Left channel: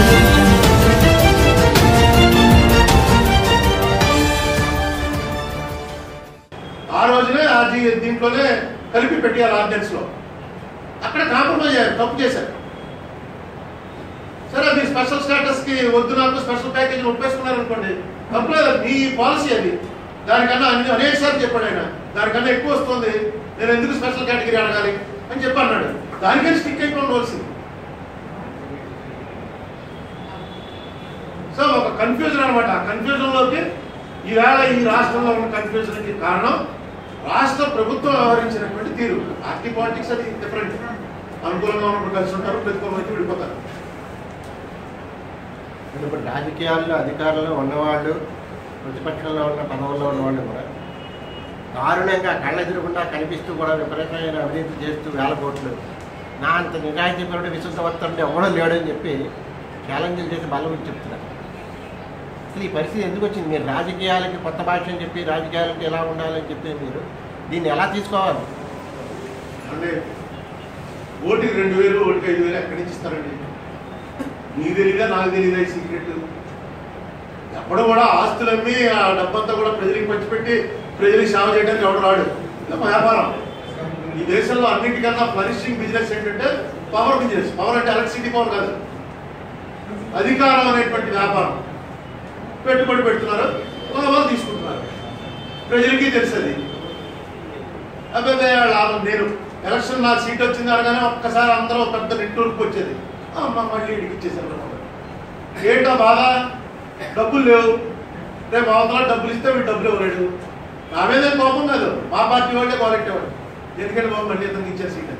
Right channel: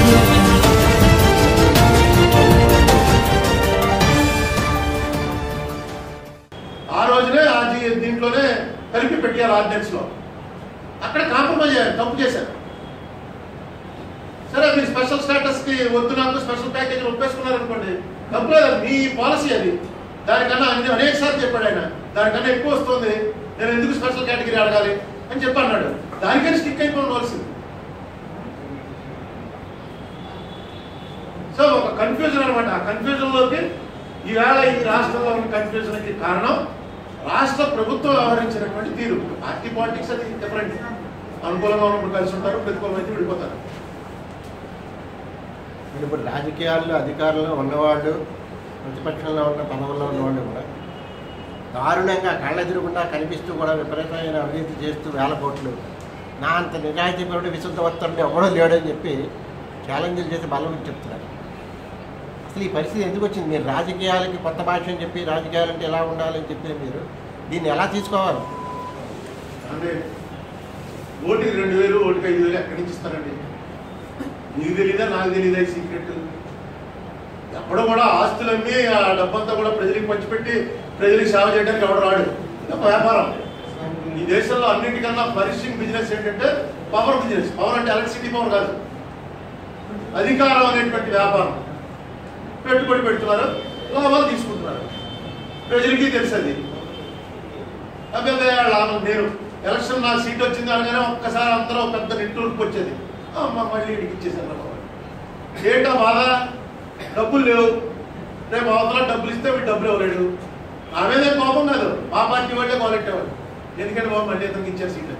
audio jungle. ఆ రోజునే దీంట్లోనే కలిపి పెట్టారు ఆర్డినెన్స్ లో. అక్కడ కాంప్రమైజ్ అయ్యారు, తప్పు చేశారు. సరే మీరు స్పెషల్ స్టేటస్ కి వద్దు నాకు స్పెషల్ ప్యాకేజ్ ఒప్పేసుకున్నారు అనుకోండి, తప్పలేదు, మీ పాలసీ అది. దానికన్నా అనేక సార్లు చెప్పాడు ఆయన, దానికన్నా ఎక్కువ వస్తుంది, నేను ఎందుకు స్పెషల్ కేటగిరీ అడగాలి అని చెప్పి అన్నాడు. దానికని స్టిక్ అయిపోవలసింది. సో ఒక కన్ఫ్యూజన్ అనమాట. ఆ కన్ఫ్యూజన్ లోకి ఈవేళ ఈ రాష్ట్రంలో ఉన్న కన్ఫ్యూజన్ కి కారణం రాష్ట్ర ప్రభుత్వం వ్యవహరించినటువంటి తీరు. పార్టీ పాలిటిక్స్ అది డిఫరెంట్. అనుకూలంగా ఉన్నప్పుడు కలిసి ఉంటారు, ప్రతికూలమైతే విడిపోతారు. ఇప్పుడు రాజకీయాల్లో అధికారంలో ఉన్నవాళ్ళు, ప్రతిపక్షంలో ఉన్న పదవుల్లో ఉన్నవాళ్ళు కూడా దారుణంగా కళ్ళెదురుగుండా కనిపిస్తూ కూడా విపరీతమైన అవినీతి చేస్తూ వేల కోట్లు, నా అంత నిజాయితీపరుడు విశుద్ధవంతుడు ఎవడో లేడని చెప్పి ఛాలెంజ్లు చేసి బలం చెప్తున్నారు. అసలు ఈ పరిస్థితి ఎందుకు వచ్చింది? మీరు రాజకీయాలకి కొత్త భాష అని చెప్పి రాజకీయాలంటే ఎలా ఉండాలని చెప్పి మీరు దీన్ని ఎలా తీసుకోవాలి? అంటే ఓటుకి 2000, ఓటుకి 5000 ఎక్కడి నుంచి ఇస్తారండి? నీకు తెలీదా, నాకు తెలీదా సీక్రెట్? ఎప్పుడో కూడా ఆస్తులు అమ్మి ఆ డబ్బంతా కూడా ప్రజలకు పంచిపెట్టి ప్రజలకు సేవ చేయడానికి ఎవడు రాడు. వ్యాపారం. ఈ దేశంలో అన్నిటికన్నా ఫ్లరిషింగ్ బిజినెస్ ఏంటంటే పవర్ బిజినెస్. పవర్ అంటే ఎలక్ట్రిసిటీ పవర్ కాదు, అధికారం అనేటువంటి వ్యాపారం. పెట్టుబడి పెడుతున్నారు, కొంతమంది తీసుకుంటున్నారు, ప్రజలకి తెలుసది. అబ్బాయి లాభం, నేను ఎలక్షన్ నాకు సీట్ వచ్చింది అనగానే ఒక్కసారి అందరూ పెద్ద నెట్వర్క్ వచ్చేది, మళ్ళీ ఇంటికి ఇచ్చేసారు. ఏంటో బాధ, డబ్బులు లేవు, రేపు అవతల డబ్బులు ఇస్తే వీడు డబ్బులు ఇవ్వలేడు. నా మీద కోపం కాదు, మా పార్టీ వాళ్ళే కోలెట్టేవాడు. ఎందుకంటే బాబు మళ్ళీ ఇతనికి ఇచ్చారు సీట్.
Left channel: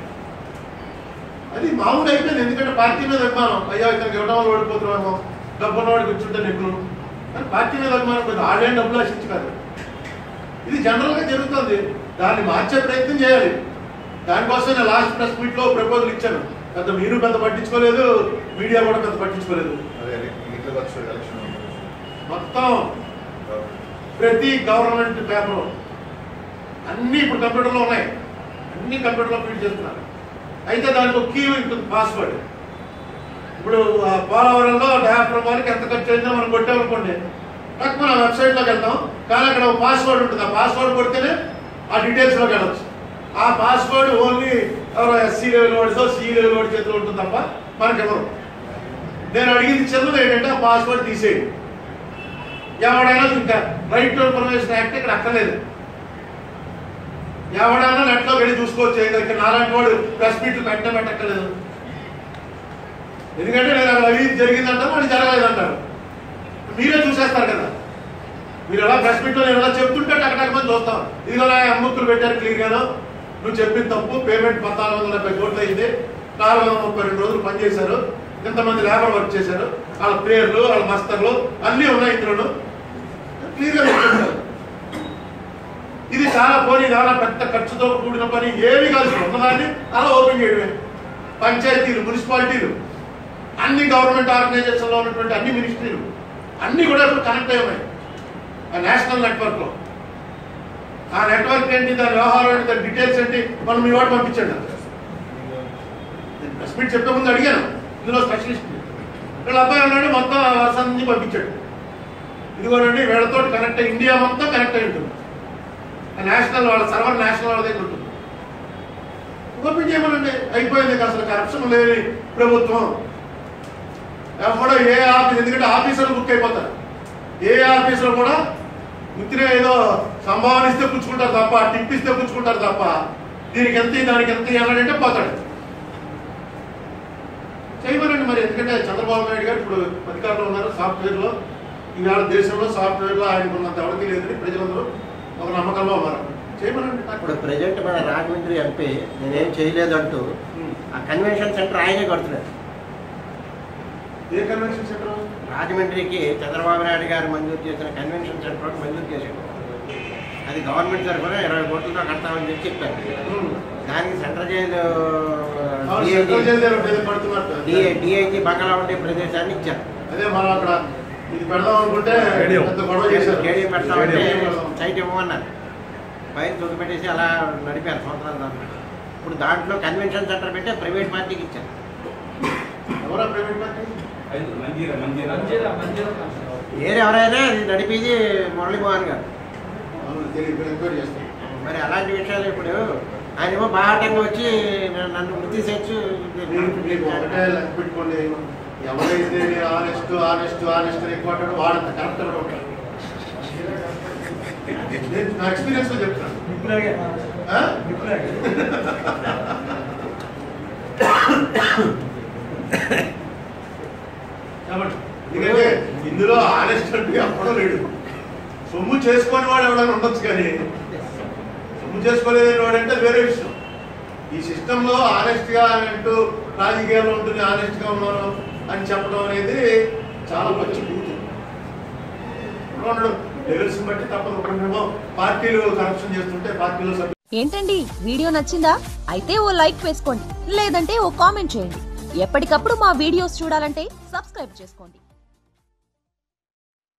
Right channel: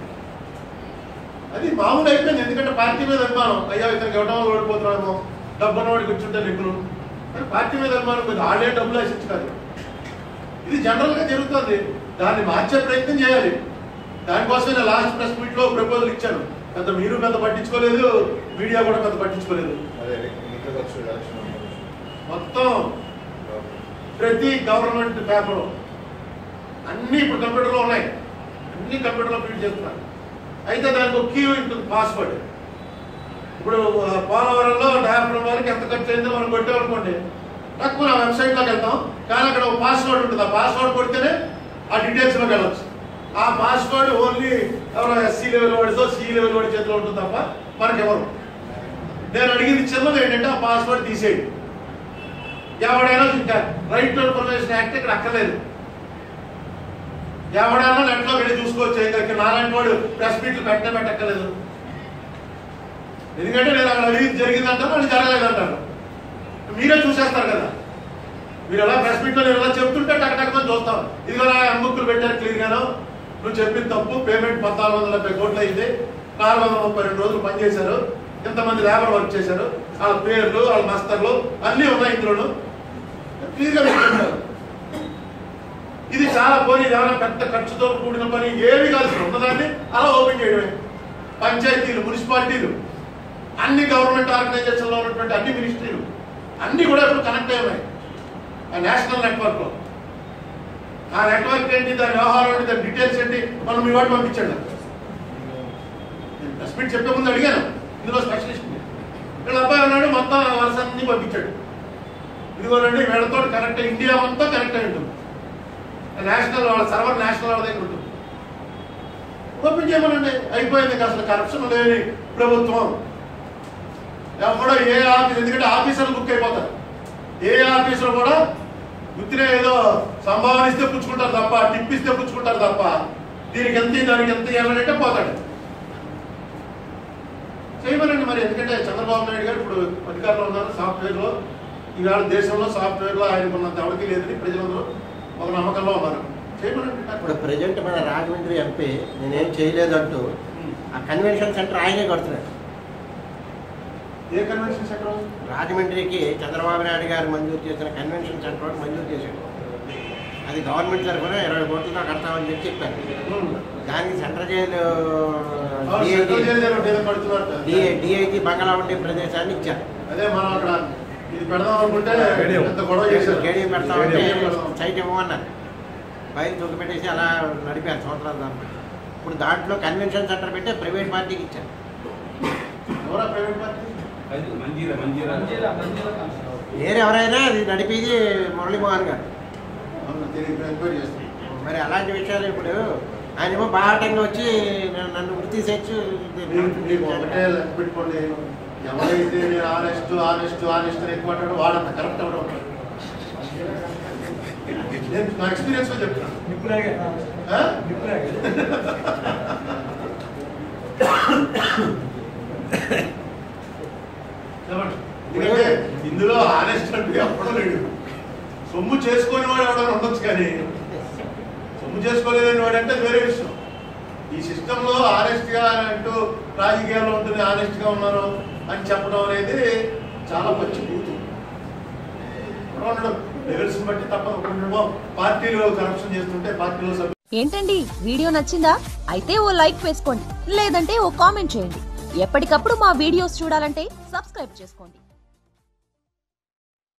అది మామూలు అయిపోయింది. ఎందుకంటే పార్టీ మీద అభిమానం. అయ్యా ఇతనికి ఇవ్వడం వల్ల ఓడిపోతున్నామో, డబ్బు ఉన్నవాడికి వచ్చుంటే నిపుణులు కానీ పార్టీ మీద అభిమానం కొంచెం ఆడేం డబ్బులు ఆశించుకోదు. ఇది జనరల్ గా జరుగుతుంది. దాన్ని మార్చే ప్రయత్నం చేయాలి. దానికోసం నేను లాస్ట్ ప్రెస్ మీట్ లో ప్రపోజల్ ఇచ్చాను. మీరు పెద్ద పట్టించుకోలేదు, మీడియా కూడా పెద్ద పట్టించుకోలేదు. మొత్తం ప్రతి గవర్నమెంట్ పేపర్ అన్ని ఇప్పుడు కంప్యూటర్లో ఉన్నాయి, అన్ని కంప్యూటర్లో ఫీడ్ చేస్తున్నారు. అయితే దానికి ఒక కీ ఉంటుంది, పాస్వర్డ్. ఇప్పుడు పోలవరంలో డాఫ్రమ్ వారికి ఎంత ఖర్చు అయిందో మనం కొట్టామనుకోండి, తక్కువ నా వెబ్సైట్లోకి వెళ్తాం, కానీ అక్కడ ఒక పాస్వర్డ్ ఉంటుంది. ఆ పాస్వర్డ్ కొడితేనే ఆ డీటెయిల్స్లోకి వెళ్ళచ్చు. ఆ పాస్వర్డ్ ఓన్లీ ఎవరో ఎస్సీ లెవెల్ వాడితో సి లెవెల్ వాడి చేతిలో ఉంటుంది తప్ప మనకెవరు. నేను అడిగింది చిన్నది ఏంటంటే ఆ పాస్వర్డ్ తీసేయండి. ఎవడైనా ఇంకా రైట్ టు ఇన్ఫర్మేషన్ యాక్ట్ ఇక్కడ అక్కర్లేదు. ఎవడైనా నెట్లో వెళ్ళి చూసుకోవచ్చు. దగ్గర నాలాంటి వాడు ప్రెస్ మీట్లు పెట్టక్కర్లేదు. ఎందుకంటే నేను అక్కడ అవినీతి జరిగిందంటారు, అది జరగలేదంటారు. మీరే చూసేస్తారు కదా. మీరు ఎలా ప్రెస్ మీట్లో నేను ఎలా చెప్తుంటే అక్కడ చూస్తాం. ఇదిగో అమ్ముక్కులు పెట్టారు క్లియర్ గాను, నువ్వు చెప్పింది తప్పు, పేమెంట్ 1470 కోట్లు అయింది, 432 రోజులు పనిచేశారు, ఇంతమంది లేబర్ వర్క్ చేశారు, వాళ్ళ పేర్లు వాళ్ళ మస్తర్లు అన్నీ ఉన్నాయి ఇందులో క్లియర్ గా చెప్తుంటారు. ఇది చాలా పోనీ, ఏమైనా పెద్ద ఖర్చుతో కూడిన పని ఏమి కాదు. ఉన్నదాన్ని అలా ఓపెన్ చేయడమే. పంచాయతీలు, మున్సిపాలిటీలు, అన్ని గవర్నమెంట్ ఆర్గనైజేషన్ లో ఉన్నటువంటి అన్ని మినిస్ట్రీలు అన్ని కూడా ఇప్పుడు కనెక్ట్ అయ్యాయి ఆ నేషనల్ నెట్వర్క్ లో. ఆ నెట్వర్క్ ఏంటి, దాని వ్యవహారం ఏంటి, దాని డీటెయిల్స్ ఏంటి, మనం మీ వాడు పంపించండి. నేను ప్రెస్ మీట్ చెప్పే ముందు అడిగాను, ఇందులో స్పెషలిస్ట్ వీళ్ళ అబ్బాయి ఉన్నాడు, మొత్తం వరుస నుంచి పంపించాడు. ఇదిగోనండి వీళ్ళతో కనెక్ట్ అయ్యి ఇండియా మొత్తం కనెక్ట్ అయి ఉంటుంది. నేషనల్ వాళ్ళ సర్వర్ నేషనల్ వాళ్ళ దగ్గర ఉంటుంది. ఓపెన్ చేయమనండి, అయిపోయింది. అసలు కరప్షన్ లేని ప్రభుత్వం. ఎవడో ఏ ఆఫీస్, ఎందుకంటే ఆఫీసర్లు బుక్ అయిపోతారు. ఏ ఆఫీసులో కూడా గుర్తినే ఏదో సంభావన ఇస్తే పుచ్చుకుంటారు తప్ప, టిప్ ఇస్తే పుచ్చుకుంటారు తప్ప, దీనికి ఎంత దానికి ఎంత ఇవ్వాలంటే పోతాడు. చేయమనండి మరి. ఎందుకంటే చంద్రబాబు నాయుడు గారు ఇప్పుడు అధికారంలో ఉన్నారు. సాఫ్ట్వేర్ లో ఈవేళ దేశంలో సాఫ్ట్వేర్ లో ఆయనకు ఉన్నంత ఎవరికి లేదని ప్రజలందరూ ఒక నమ్మకంలో ఉన్నారు. చేయమనండి. ఇప్పుడు ప్రజెంట్ మన రాజమండ్రి ఎంపీ నేనేం చేయలేదంటూ ఆ కన్వెన్షన్ సెంటర్ ఆయనే కడుతున్నారు. ఏ కన్వెన్షన్ సెంటర్? రాజమండ్రికి చంద్రబాబు నాయుడు గారు మంజూరు చేసిన కన్వెన్షన్ సెంటర్ మంజూరు చేశాడు. అది గవర్నమెంట్ తరఫున 20 కోట్లతో కడతామని చెప్పి చెప్పారు. దానికి సెంట్రల్ జైలు డిఐజీ బంగాళా ఉండే ప్రదేశాన్ని ఇచ్చారు. అదే మనం అక్కడ ఇది పెడదాం అనుకుంటే గొడవ చేశారు. స్టేడియం పెడతామంటే సైట్ ఇవ్వమన్నారు. బయట దొరికిపెట్టేసి అలా నడిపారు సంవత్సరాల దాంట్లో. ఇప్పుడు దాంట్లో కన్వెన్షన్ సెంటర్ పెట్టి ప్రైవేట్ పార్టీకి ఇచ్చారు. ఎవరా ప్రైవేట్ పార్టీ? వేరే ఎవరైనా అది నడిపేది మురళీమోహన్ గారు. ఎంక్వైరీ చేస్తాం. మరి అలాంటి విషయాలు ఇప్పుడు ఆయన బాహాటంగా వచ్చి నన్ను వృత్తి చేయొచ్చు. మీకు ఒకటే లెక్క పెట్టుకోండి, ఎవరైతే నేను ఆనెస్ట్ ఎక్కువ అంటాడో వాడంత కరెక్ట్ కూడా ఉంటాడు. నేను నా ఎక్స్పీరియన్స్ లో చెప్తాను. ఎందుకంటే ఇందులో ఆనెస్ట్ అంటే ఎప్పుడూ లేడు. సొమ్ము చేసుకుని వాడు ఎవడైనా ఉండొచ్చు, కానీ సొమ్ము చేసుకోలేదని వాడంటే వేరే విషయం. ఈ సిస్టమ్ లో ఆనెస్ట్ గా అంటూ రాజకీయాల్లో ఉంటుంది, ఆనెస్ట్ గా ఉన్నాను అని చెప్పడం అనేది చాలా మంచి బూతు. ఉండడం లెవెల్స్ బట్టి తప్పదు. పార్టీలు కరప్షన్ చేస్తుంటే పార్టీలో ఏంటండి వీడియో నచ్చిందా? అయితే ఓ లైక్ వేసుకోండి, లేదంటే ఓ కామెంట్ చేయండి. ఎప్పటికప్పుడు మా వీడియోస్ చూడాలంటే సబ్స్క్రైబ్ చేసుకోండి.